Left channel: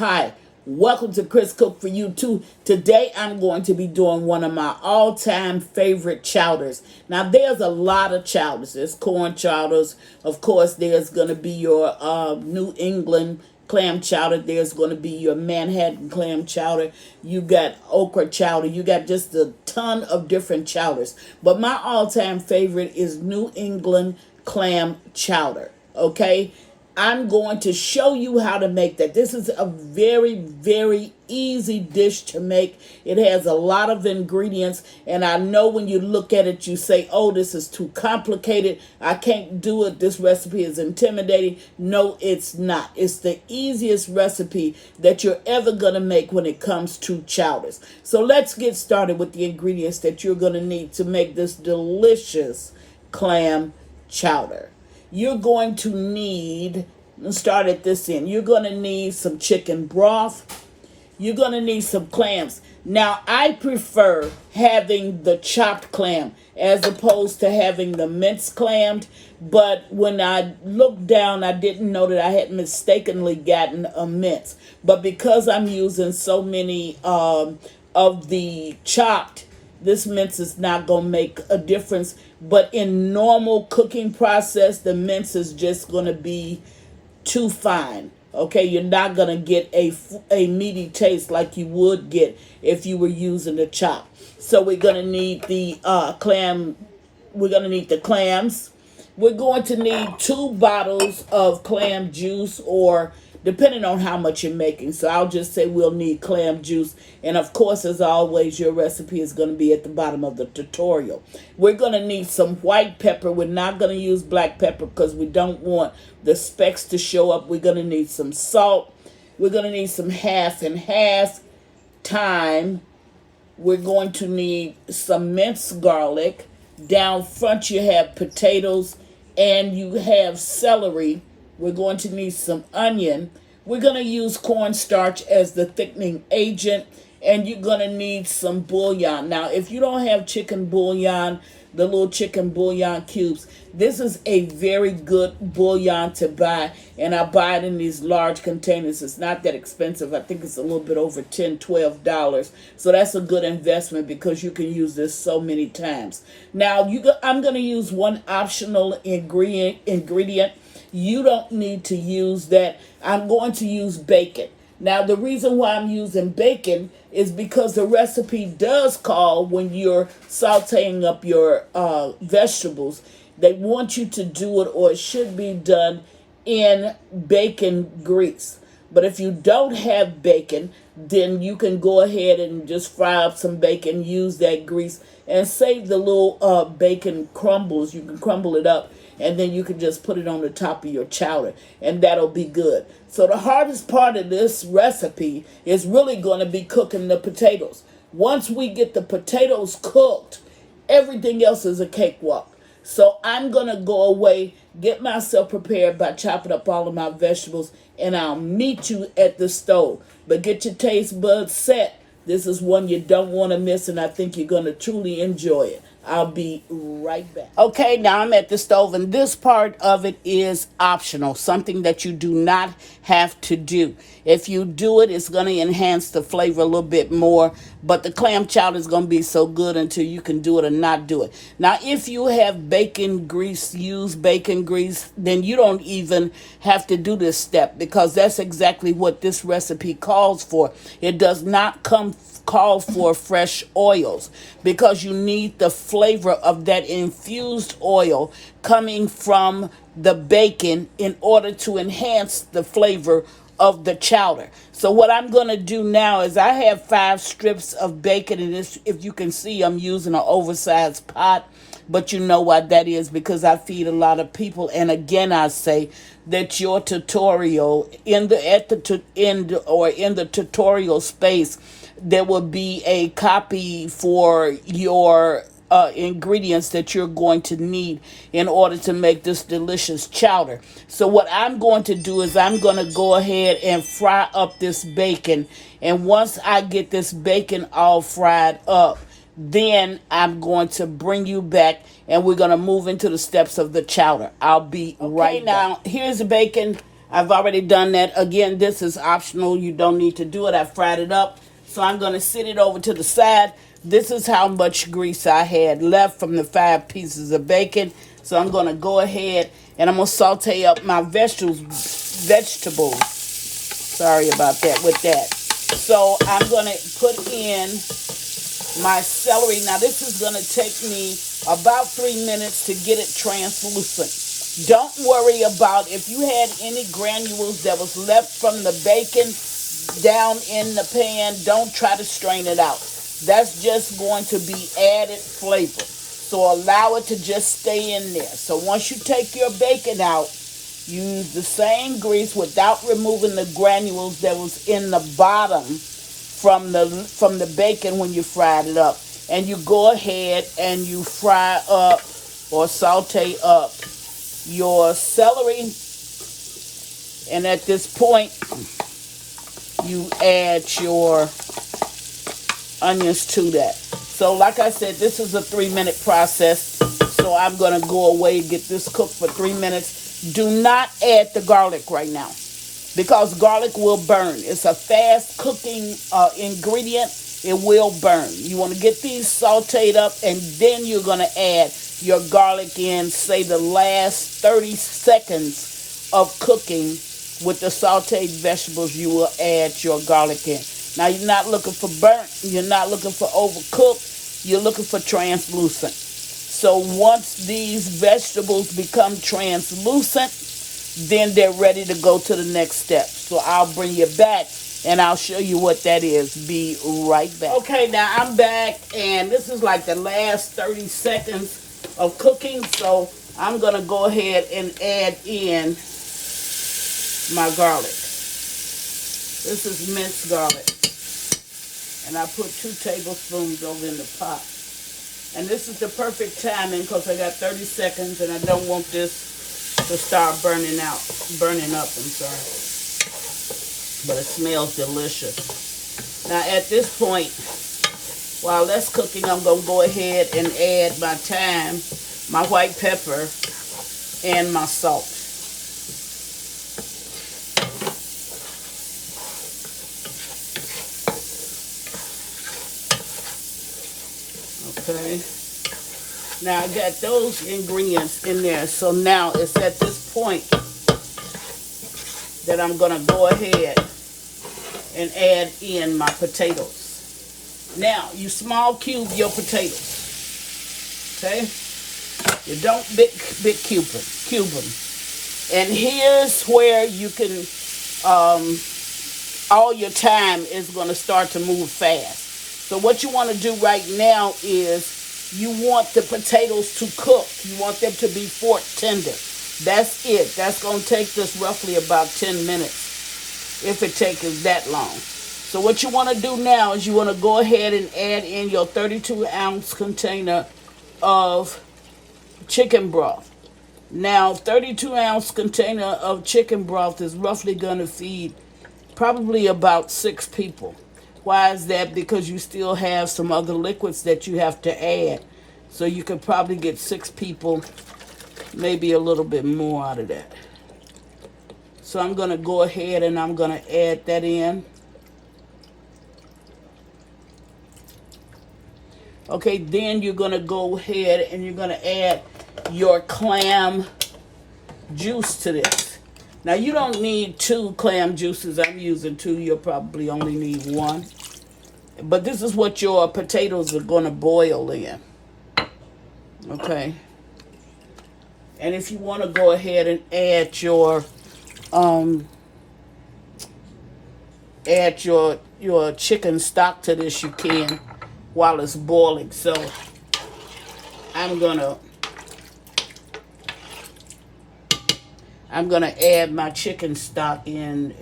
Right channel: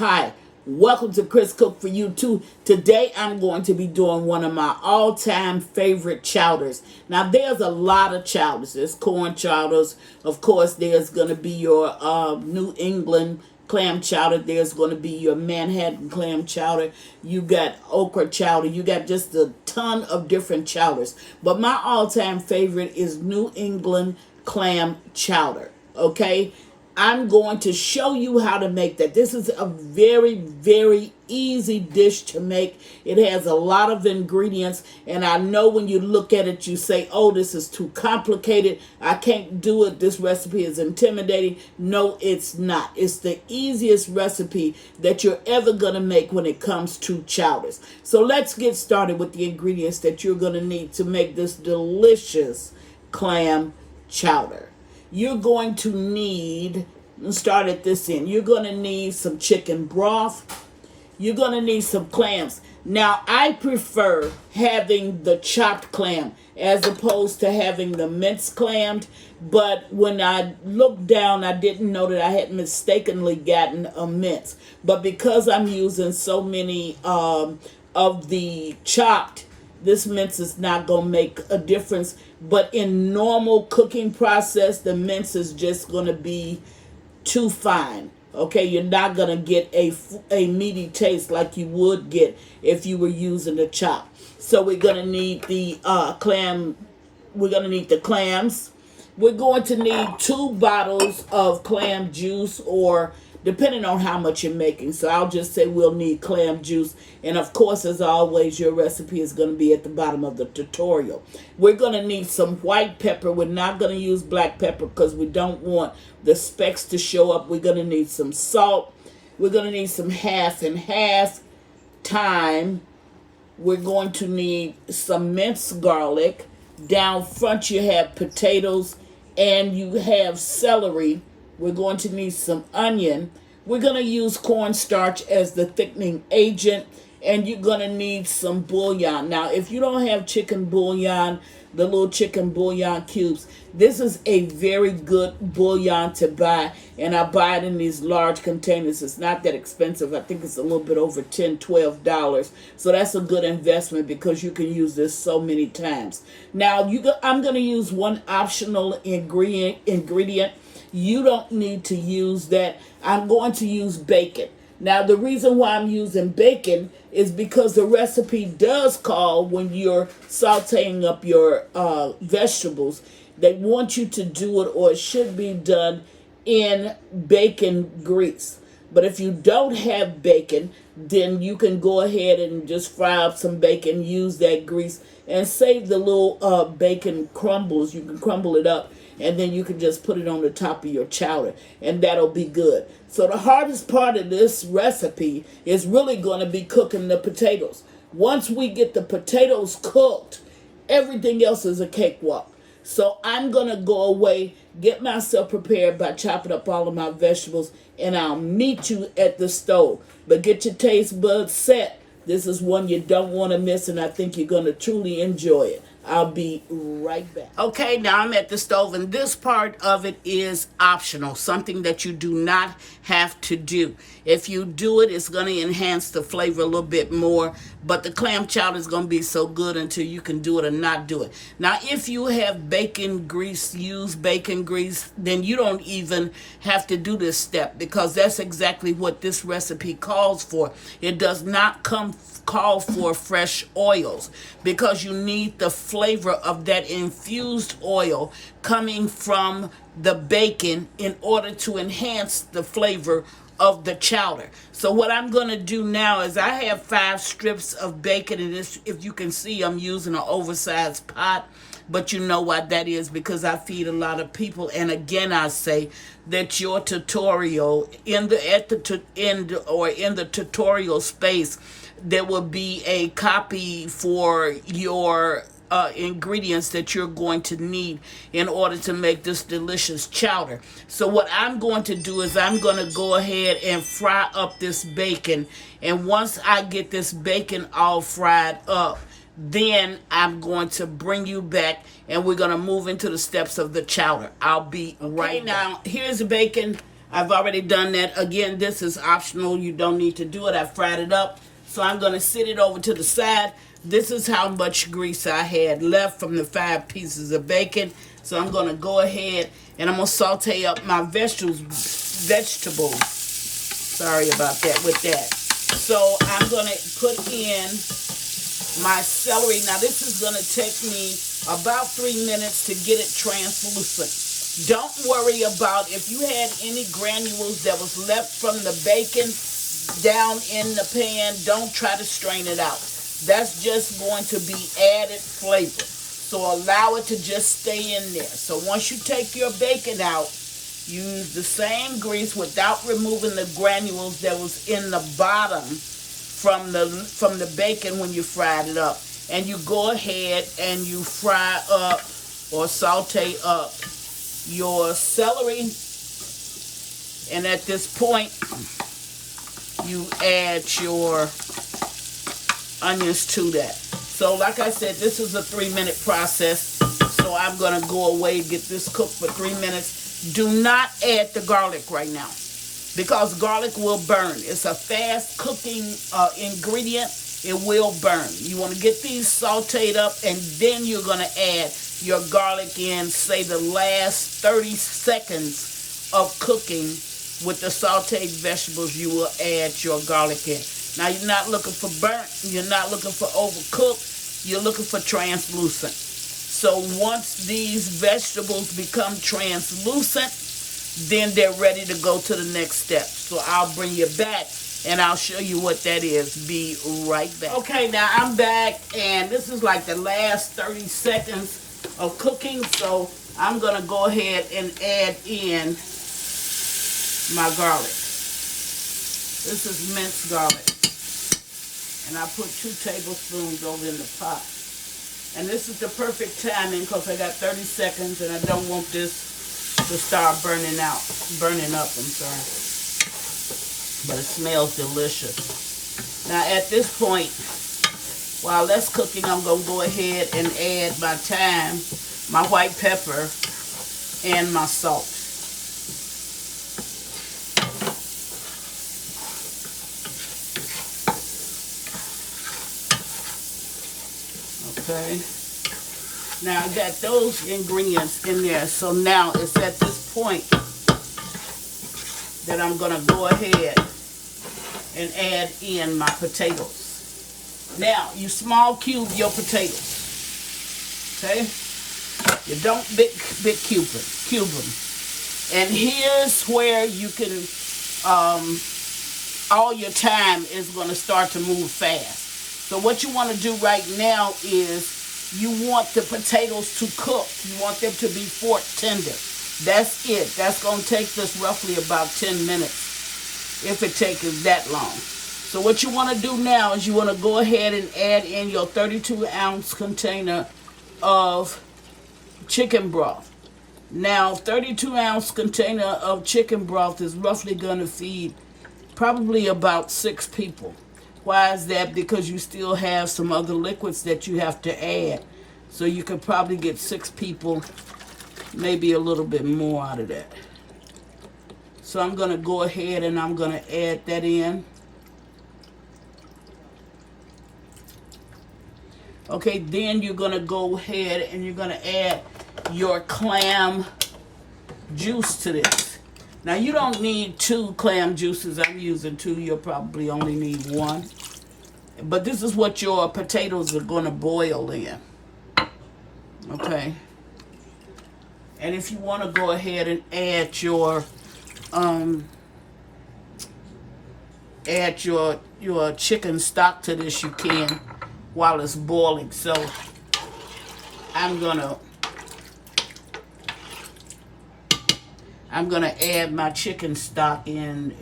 Hi, welcome to Chris Cook for You Too. Today I'm going to be doing one of my all-time favorite chowders. Now there's a lot of chowders. There's corn chowders. Of course, there's going to be your New England clam chowder. There's going to be your Manhattan clam chowder. You got okra chowder. You got just a ton of different chowders. But my all-time favorite is New England clam chowder. Okay? I'm going to show you how to make that. This is a very, very easy dish to make. It has a lot of ingredients, and I know when you look at it, you say, oh, this is too complicated. I can't do it. This recipe is intimidating. No, it's not. It's the easiest recipe that you're ever going to make when it comes to chowders. So let's get started with the ingredients that you're going to need to make this delicious clam chowder. You're going to need, let's start at this end. You're going to need some chicken broth. You're going to need some clams. Now, I prefer having the chopped clam as opposed to having the minced clams. But when I looked down, I didn't know that I had mistakenly gotten a mince. But because I'm using so many of the chopped, this mince is not going to make a difference. But in normal cooking process, the mince is just going to be too fine. Okay, you're not going to get a meaty taste like you would get if you were using the chop. So we're going to need the clam. We're going to need the clams. We're going to need 2 bottles of clam juice, or depending on how much you're making. So I'll just say we'll need clam juice. And of course, as always, your recipe is going to be at the bottom of the tutorial. We're going to need some white pepper. We're not going to use black pepper because we don't want the specks to show up. We're going to need some salt. We're going to need some half and half thyme. We're going to need some minced garlic. Down front, you have potatoes and you have celery. We're going to need some onion. We're going to use cornstarch as the thickening agent. And you're going to need some bouillon. Now, if you don't have chicken bouillon, the little chicken bouillon cubes, this is a very good bouillon to buy. And I buy it in these large containers. It's not that expensive. I think it's a little bit over $10, $12. So that's a good investment because you can use this so many times. Now, I'm going to use one optional ingredient. You don't need to use that. I'm going to use bacon. Now, the reason why I'm using bacon is because the recipe does call, when you're sauteing up your vegetables, they want you to do it, or it should be done, in bacon grease. But if you don't have bacon, then you can go ahead and just fry up some bacon, use that grease, and save the little bacon crumbles. You can crumble it up, and then you can just put it on the top of your chowder, and that'll be good. So the hardest part of this recipe is really going to be cooking the potatoes. Once we get the potatoes cooked, everything else is a cakewalk. So I'm going to go away, get myself prepared by chopping up all of my vegetables, and I'll meet you at the stove. But get your taste buds set. This is one you don't want to miss, and I think you're going to truly enjoy it. I'll be right back. Okay, now I'm at the stove, and this part of it is optional, something that you do not have to do. If you do it, it's going to enhance the flavor a little bit more, but the clam chowder is going to be so good until you can do it or not do it. Now, if you have bacon grease, use bacon grease, then you don't even have to do this step, because that's exactly what this recipe calls for. It does not call for fresh oils, because you need the flavor of that infused oil coming from the bacon in order to enhance the flavor of the chowder. So what I'm going to do now is, I have 5 strips of bacon in this. If you can see, I'm using an oversized pot, but you know why that is, because I feed a lot of people. And again, I say that your tutorial in the tutorial space, there will be a copy for your ingredients that you're going to need in order to make this delicious chowder. So what I'm going to do is, I'm going to go ahead and fry up this bacon. And once I get this bacon all fried up, then I'm going to bring you back, and we're going to move into the steps of the chowder. I'll be right back. Now, here's the bacon. I've already done that. Again, this is optional. You don't need to do it. I fried it up. So I'm going to sit it over to the side. This is how much grease I had left from the 5 pieces of bacon. So I'm going to go ahead and I'm going to saute up my vegetables. Sorry about that with that. So I'm going to put in my celery. Now this is going to take me about 3 minutes to get it translucent. Don't worry about if you had any granules that was left from the bacon down in the pan. Don't try to strain it out. That's just going to be added flavor. So allow it to just stay in there. So once you take your bacon out, use the same grease without removing the granules that was in the bottom from the bacon when you fried it up. And you go ahead and you fry up or saute up your celery. And at this point, you add your onions to that. So like I said, this is a 3-minute process. So I'm going to go away and get this cooked for 3 minutes. Do not add the garlic right now because garlic will burn. It's a fast cooking ingredient. It will burn. You want to get these sauteed up and then you're going to add your garlic in, say the last 30 seconds of cooking with the sauteed vegetables, you will add your garlic in. Now you're not looking for burnt, you're not looking for overcooked, you're looking for translucent. So once these vegetables become translucent, then they're ready to go to the next step. So I'll bring you back and I'll show you what that is. Be right back. Okay, now I'm back and this is like the last 30 seconds of cooking. So I'm going to go ahead and add in my garlic. This is minced garlic. And I put 2 tablespoons over in the pot. And this is the perfect timing because I got 30 seconds and I don't want this to start burning up, I'm sorry. But it smells delicious. Now at this point, while that's cooking, I'm going to go ahead and add my thyme, my white pepper, and my salt. Okay. Now I got those ingredients in there. So now it's at this point that I'm going to go ahead and add in my potatoes. Now, you small cube your potatoes. Okay? You don't big cube them. And here's where you can, all your time is going to start to move fast. So what you want to do right now is you want the potatoes to cook. You want them to be fork tender. That's it. That's going to take this roughly about 10 minutes if it takes that long. So what you want to do now is you want to go ahead and add in your 32-ounce container of chicken broth. Now, 32-ounce container of chicken broth is roughly going to feed probably about 6 people. Why is that? Because you still have some other liquids that you have to add. So you could probably get 6 people, maybe a little bit more out of that. So I'm going to go ahead and I'm going to add that in. Okay, then you're going to go ahead and you're going to add your clam juice to this. Now, you don't need 2 clam juices. I'm using 2. You'll probably only need 1. But this is what your potatoes are going to boil in. Okay. And if you want to go ahead and add your chicken stock to this, you can while it's boiling. So I'm gonna add my chicken stock in.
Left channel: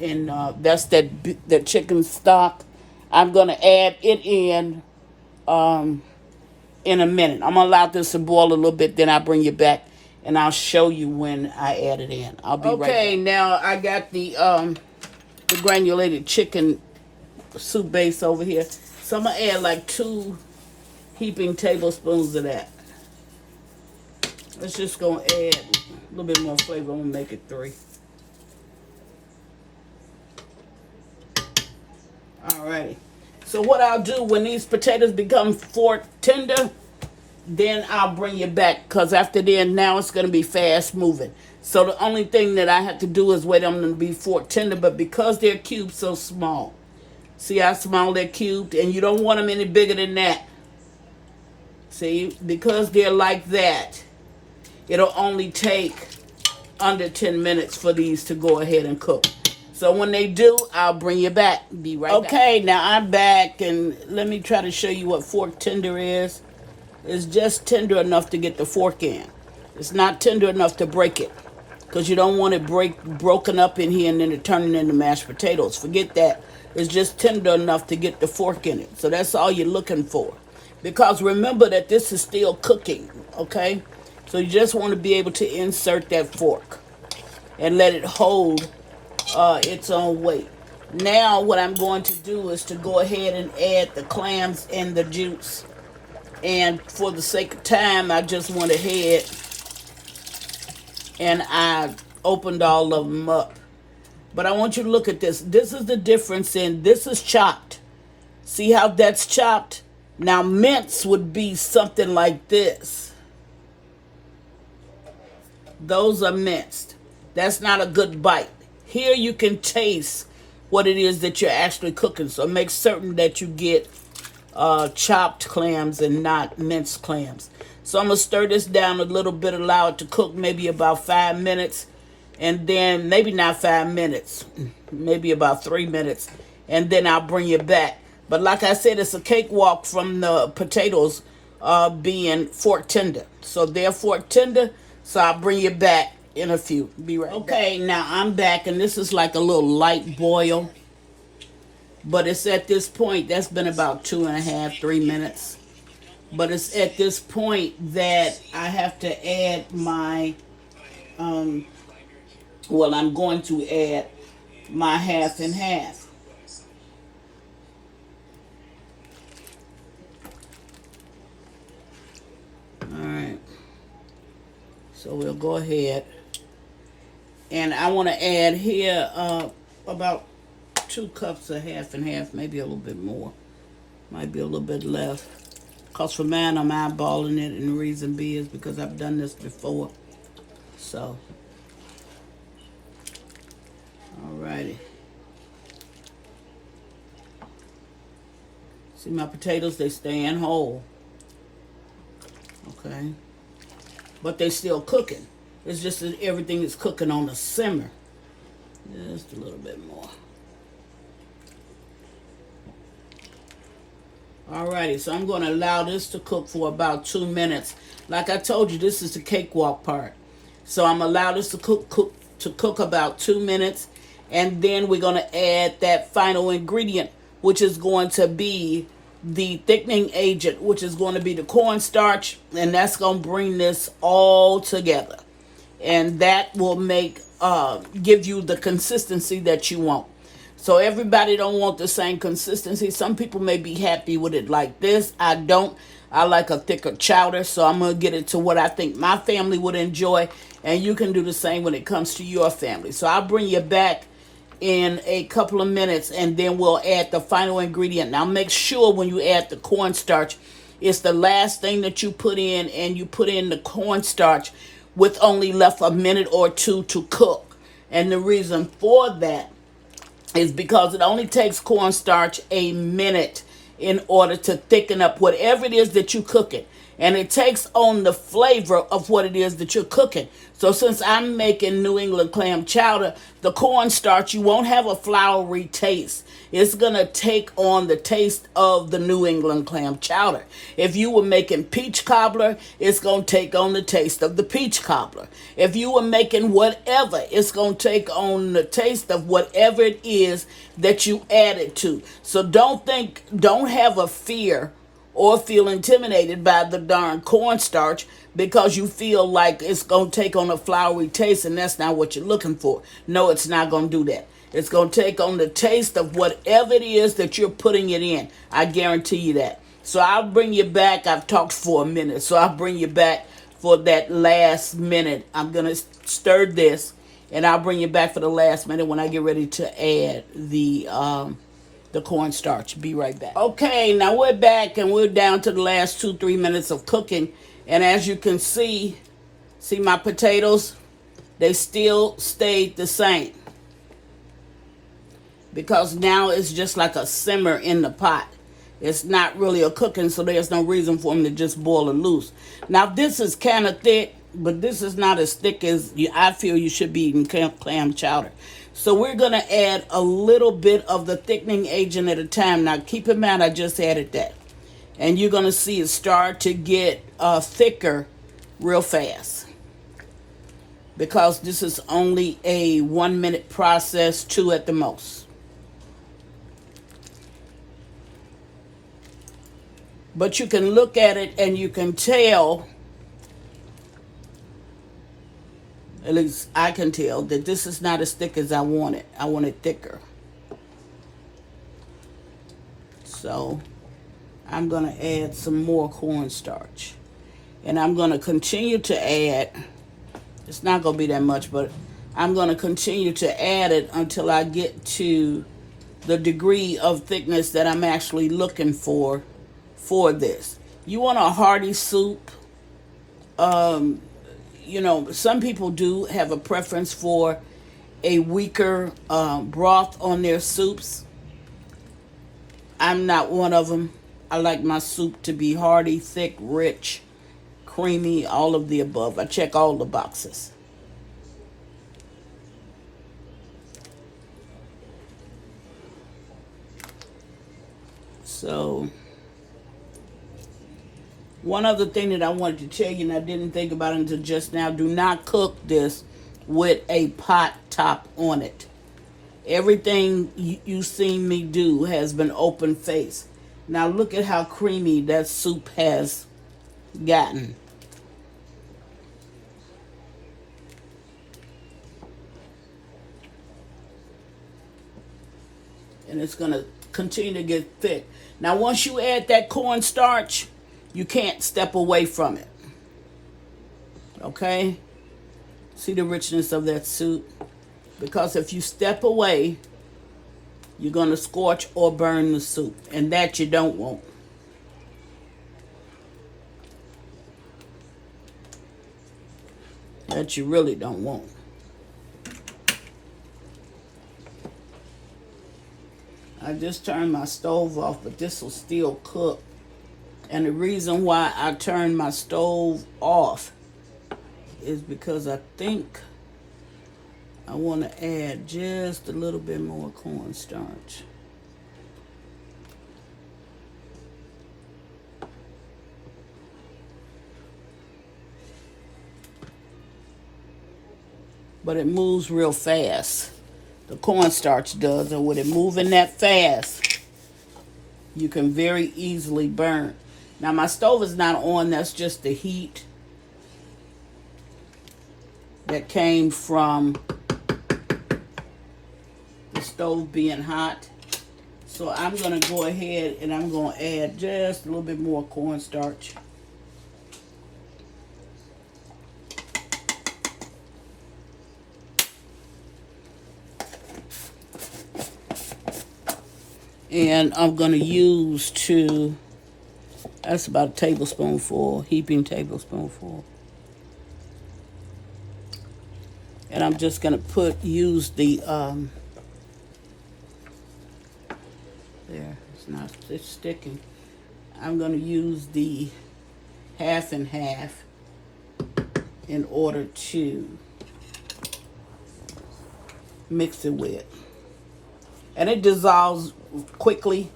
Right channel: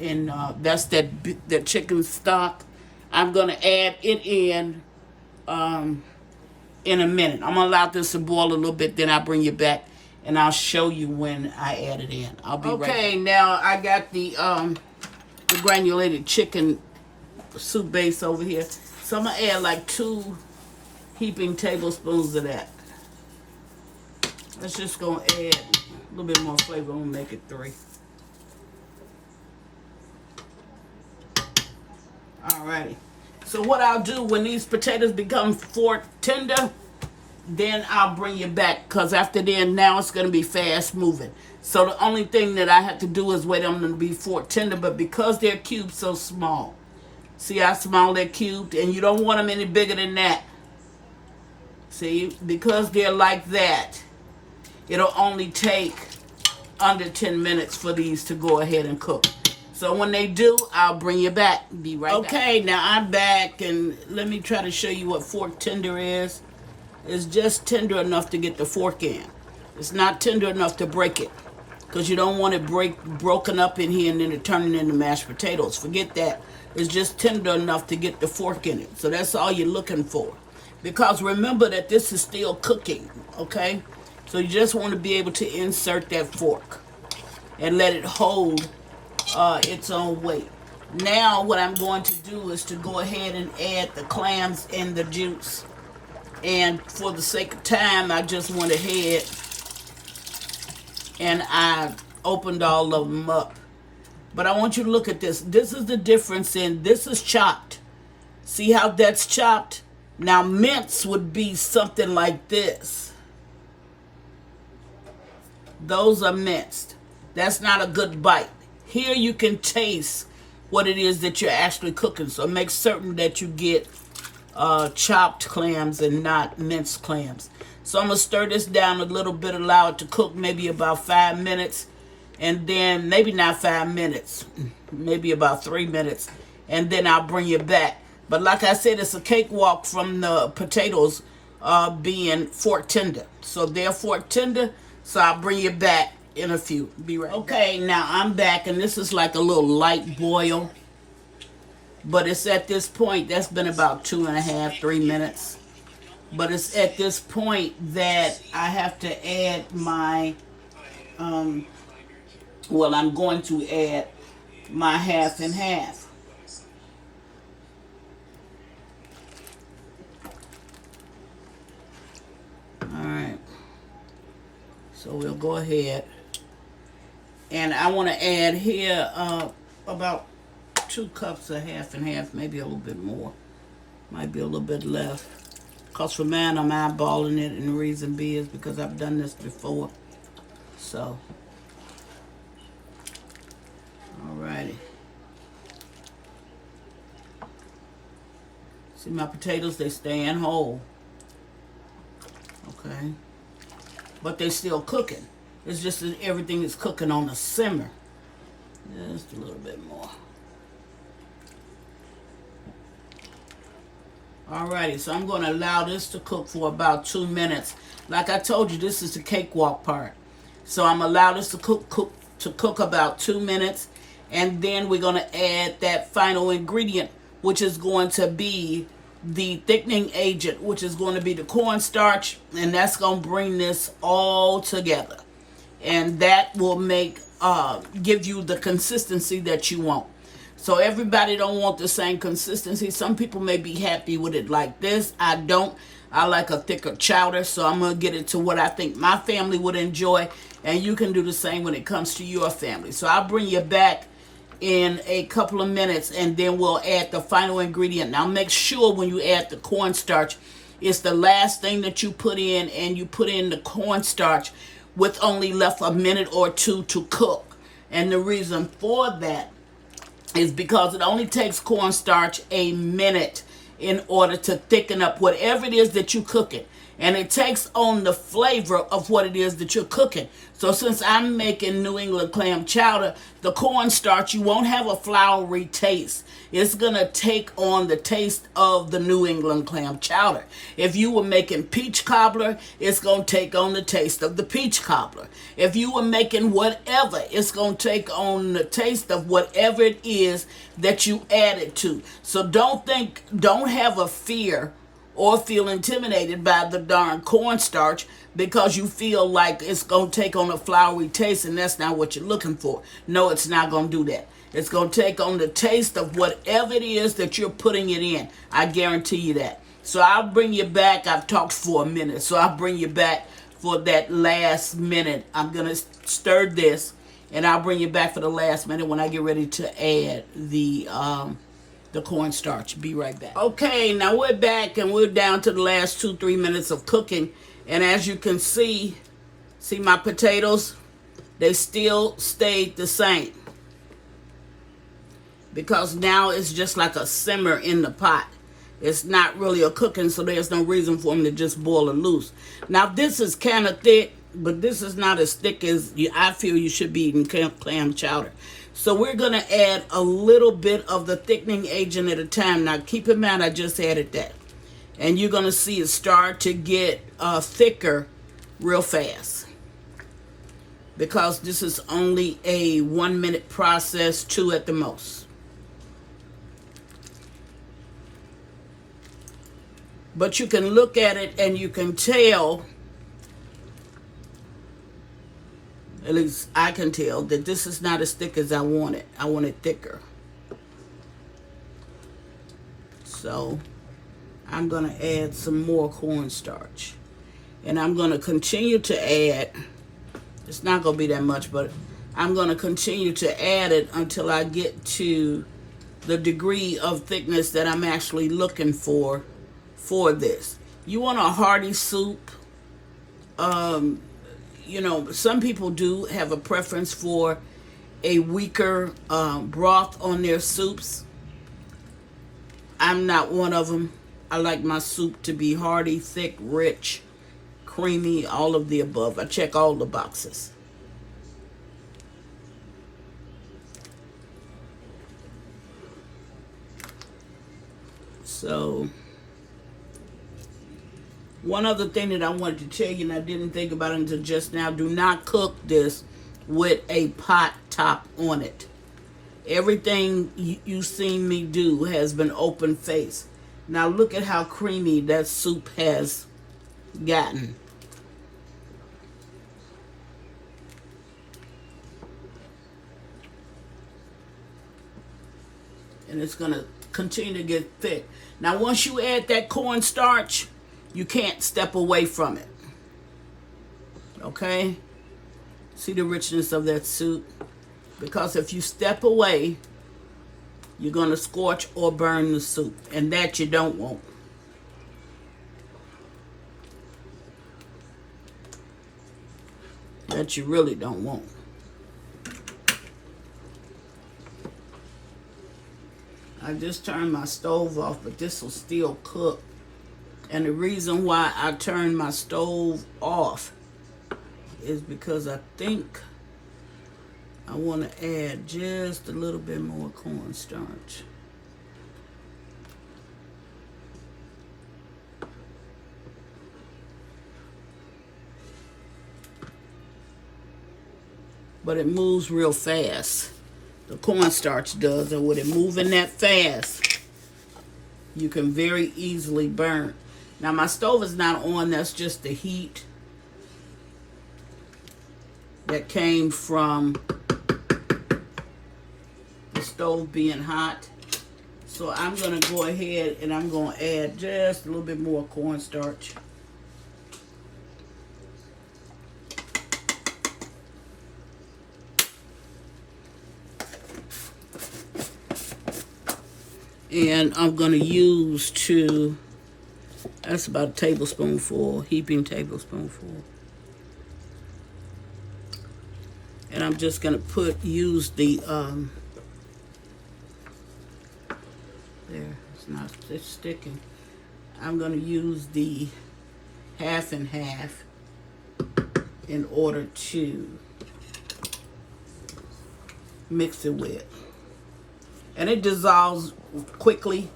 That's the chicken stock. I'm gonna add it in a minute. I'm gonna allow this to boil a little bit. Then I'll bring you back and I'll show you when I add it in. I'll be right back. Okay, now I got the granulated chicken soup base over here. So I'm gonna add like 2 heaping tablespoons of that. Let's just go add a little bit more flavor. I'm gonna make it 3. Alrighty. So what I'll do when these potatoes become fork tender, then I'll bring you back, because after then, now it's going to be fast moving. So the only thing that I have to do is wait on them to be fork tender, but because they're cubed so small, see how small they're cubed, and you don't want them any bigger than that. See, because they're like that, it'll only take under 10 minutes for these to go ahead and cook. So when they do, I'll bring you back. Be right back. Okay, now I'm back, and let me try to show you what fork tender is. It's just tender enough to get the fork in. It's not tender enough to break it, because you don't want it broken up in here and then it turning into mashed potatoes. Forget that. It's just tender enough to get the fork in it. So that's all you're looking for. Because remember that this is still cooking, okay? So you just want to be able to insert that fork and let it hold its own weight. Now what I'm going to do is to go ahead and add the clams and the juice. And for the sake of time, I just went ahead and I opened all of them up. But I want you to look at this. This is the difference in, this is chopped. See how that's chopped? Now mince would be something like this. Those are minced. That's not a good bite. Here you can taste what it is that you're actually cooking. So make certain that you get chopped clams and not minced clams. So I'm going to stir this down a little bit, allow it to cook maybe about 5 minutes. And then maybe not 5 minutes, maybe about 3 minutes. And then I'll bring you back. But like I said, it's a cakewalk from the potatoes being fork tender. So they're fork tender, so I'll bring you back in a few. Be right back. Okay, now I'm back, and this is like a little light boil. But it's at this point, that's been about 2.5, 3 minutes. But it's at this point that I have to add my, well, I'm going to add my half and half. Alright, so we'll go ahead, and I want to add here about 2 cups of half and half, maybe a little bit more, might be a little bit less, because for mine I'm eyeballing it, and the reason being is because I've done this before. So alrighty, see my potatoes, they stand whole. Okay, but they're still cooking. It's just that everything is cooking on a simmer. Just a little bit more. Alrighty, so I'm going to allow this to cook for about 2 minutes. Like I told you, this is the cakewalk part. So I'm going to allow this to cook about 2 minutes, and then we're going to add that final ingredient, which is going to be the thickening agent, which is going to be the cornstarch, and that's going to bring this all together, and that will make give you the consistency that you want. So everybody don't want the same consistency. Some people may be happy with it like this. I don't. I like a thicker chowder, so I'm going to get it to what I think my family would enjoy, and you can do the same when it comes to your family. So I'll bring you back in a couple of minutes, and then we'll add the final ingredient. Now make sure when you add the cornstarch, it's the last thing that you put in, and you put in the cornstarch with only left a minute or 2 to cook. And the reason for that is because it only takes cornstarch a minute in order to thicken up whatever it is that you're cooking. And it takes on the flavor of what it is that you're cooking. So since I'm making New England clam chowder, the cornstarch, you won't have a floury taste. It's going to take on the taste of the New England clam chowder. If you were making peach cobbler, it's going to take on the taste of the peach cobbler. If you were making whatever, it's going to take on the taste of whatever it is that you added to. So don't have a fear or feel intimidated by the darn cornstarch because you feel like it's going to take on a floury taste, and that's not what you're looking for. No, it's not going to do that. It's going to take on the taste of whatever it is that you're putting it in. I guarantee you that. So I'll bring you back. I've talked for a minute, so I'll bring you back for that last minute. I'm going to stir this, and I'll bring you back for the last minute when I get ready to add the the cornstarch. Be right back. Okay, now we're back and we're down to the last 2-3 minutes of cooking. And as you can see my potatoes, they still stayed the same. Because now it's just like a simmer in the pot. It's not really a cooking, so there's no reason for them to just boil it loose. Now this is kind of thick, but this is not as thick as I feel you should be eating clam chowder. So we're going to add a little bit of the thickening agent at a time. Now keep in mind I just added that. And you're going to see it start to get thicker real fast. Because this is only a 1-minute process, 2 at the most. But you can look at it and you can tell, at least I can tell, that this is not as thick as I want it. I want it thicker. So I'm going to add some more cornstarch. And I'm going to continue to add, it's not going to be that much, but I'm going to continue to add it until I get to the degree of thickness that I'm actually looking for this. You want a hearty soup. You know, some people do have a preference for a weaker broth on their soups. I'm not one of them. I like my soup to be hearty, thick, rich, creamy, all of the above. I check all the boxes. So one other thing that I wanted to tell you, and I didn't think about it until just now, do not cook this with a pot top on it. Everything you've seen me do has been open face. Now look at how creamy that soup has gotten. And it's going to continue to get thick. Now once you add that cornstarch, you can't step away from it. Okay? See the richness of that soup? Because if you step away, you're going to scorch or burn the soup. And that you don't want. That you really don't want. I just turned my stove off, but this will still cook. And the reason why I turned my stove off is because I think I want to add just a little bit more cornstarch. But it moves real fast. The cornstarch does, and with it moving that fast, you can very easily burn. Now my stove is not on, that's just the heat that came from the stove being hot. So I'm going to go ahead and I'm going to add just a little bit more cornstarch. And I'm going to use that's about a tablespoonful, heaping tablespoonful. And I'm just going to use the, there, it's sticking. I'm going to use the 1/2 and 1/2 in order to mix it with. And it dissolves quickly.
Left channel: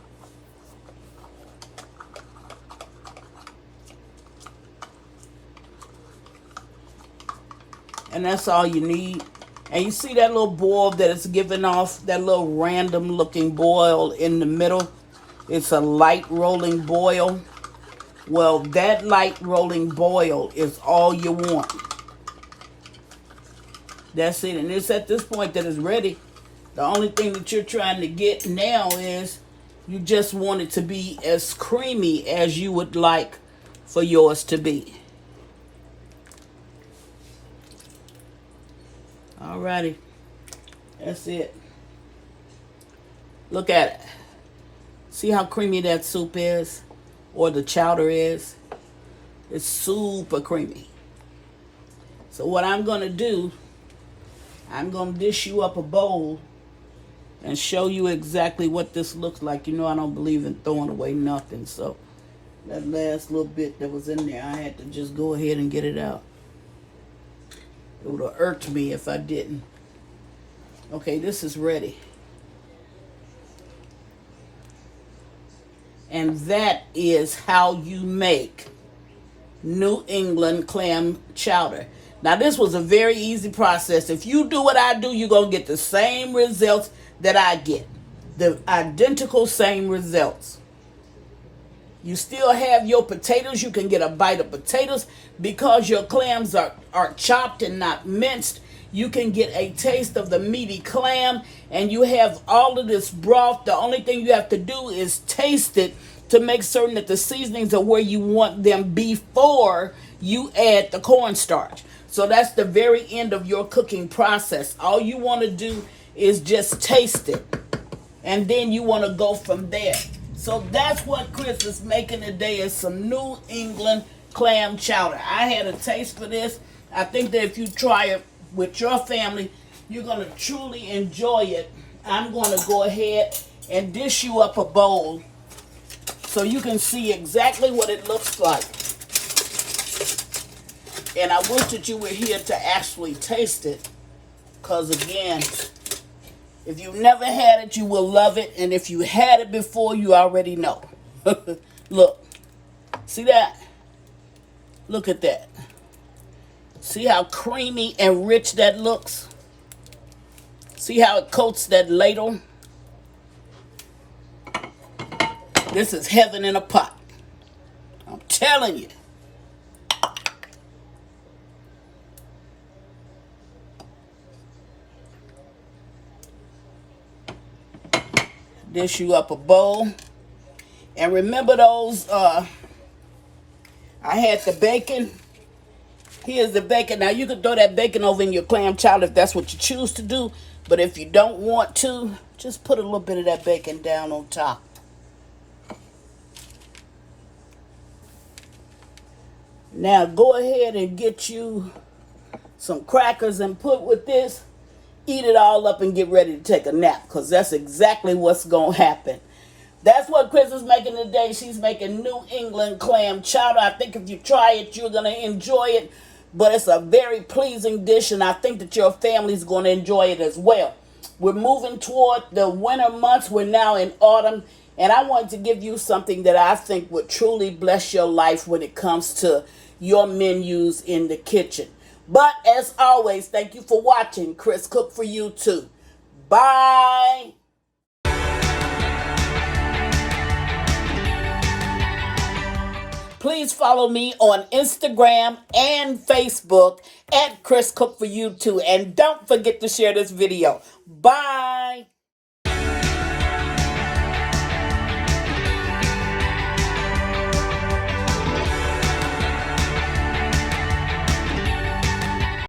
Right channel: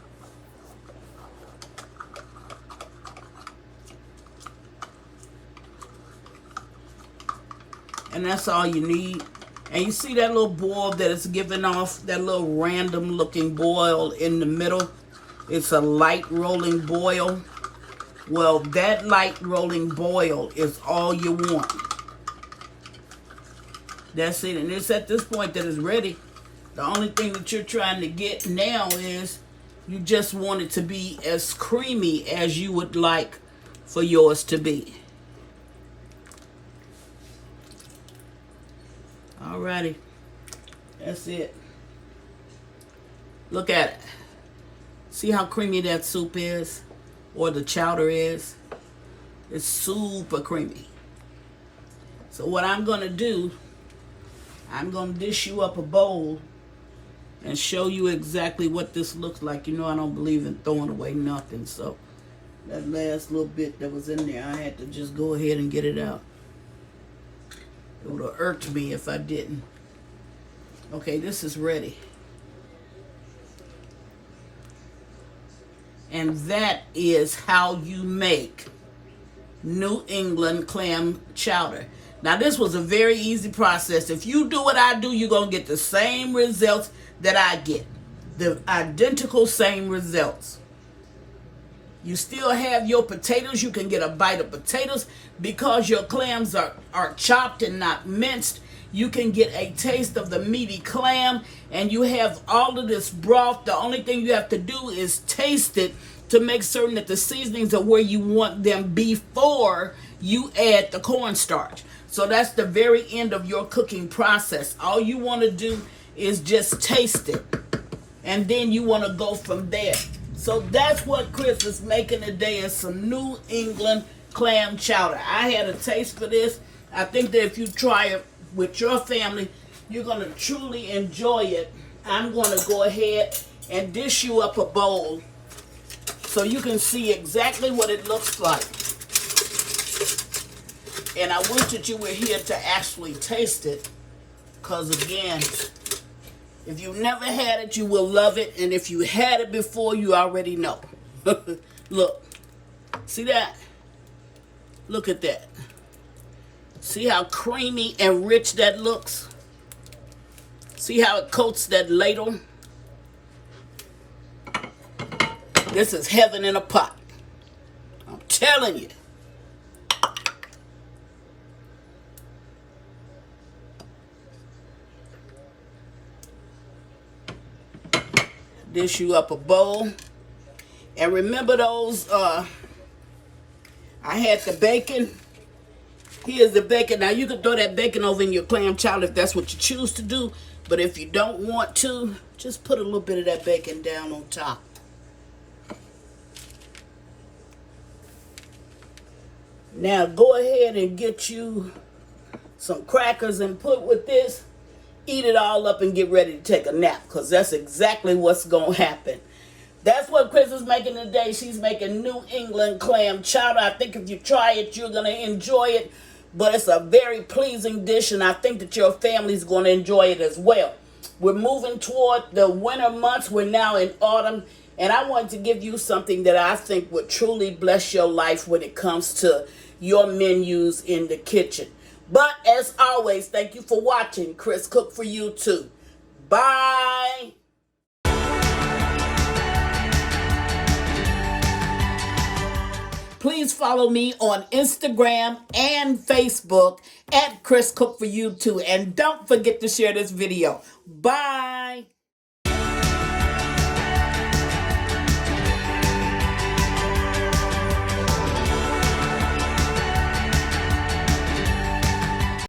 And that's all you need. And you see that little boil that it's giving off, that little random looking boil in the middle? It's a light rolling boil. Well, that light rolling boil is all you want. That's it. And it's at this point that it's ready. The only thing that you're trying to get now is you just want it to be as creamy as you would like for yours to be. Alrighty. That's it. Look at it. See how creamy that soup is? Or the chowder is? It's super creamy. So what I'm going to do, I'm going to dish you up a bowl and show you exactly what this looks like. You know I don't believe in throwing away nothing. So that last little bit that was in there, I had to just go ahead and get it out. It would have irked me if I didn't. Okay, this is ready. And that is how you make New England clam chowder. Now, this was a very easy process. If you do what I do, you're going to get the same results that I get. The identical same results. You still have your potatoes. You can get a bite of potatoes. Because your clams are chopped and not minced, you can get a taste of the meaty clam. And you have all of this broth. The only thing you have to do is taste it to make certain that the seasonings are where you want them before you add the cornstarch. So that's the very end of your cooking process. All you want to do is just taste it. And then you want to go from there. So that's what Chris is making today, is some New England clam chowder. I had a taste for this. I think that if you try it with your family, you're going to truly enjoy it. I'm going to go ahead and dish you up a bowl so you can see exactly what it looks like. And I wish that you were here to actually taste it, because again, if you've never had it, you will love it. And if you had it before, you already know. Look. See that? Look at that. See how creamy and rich that looks? See how it coats that ladle? This is heaven in a pot. I'm telling you. Dish you up a bowl. And remember those, I had the bacon. Here's the bacon. Now you can throw that bacon over in your clam chowder if that's what you choose to do. But if you don't want to, just put a little bit of that bacon down on top. Now go ahead and get you some crackers and put with this. Eat it all up and get ready to take a nap, because that's exactly what's going to happen. That's what Chris is making today. She's making New England clam chowder. I think if you try it, you're going to enjoy it. But it's a very pleasing dish, and I think that your family's going to enjoy it as well. We're moving toward the winter months. We're now in autumn, and I wanted to give you something that I think would truly bless your life when it comes to your menus in the kitchen. But as always, thank you for watching. Chris Cook for you too. Bye. Please follow me on Instagram and Facebook at Chris Cook for you too. And don't forget to share this video. Bye.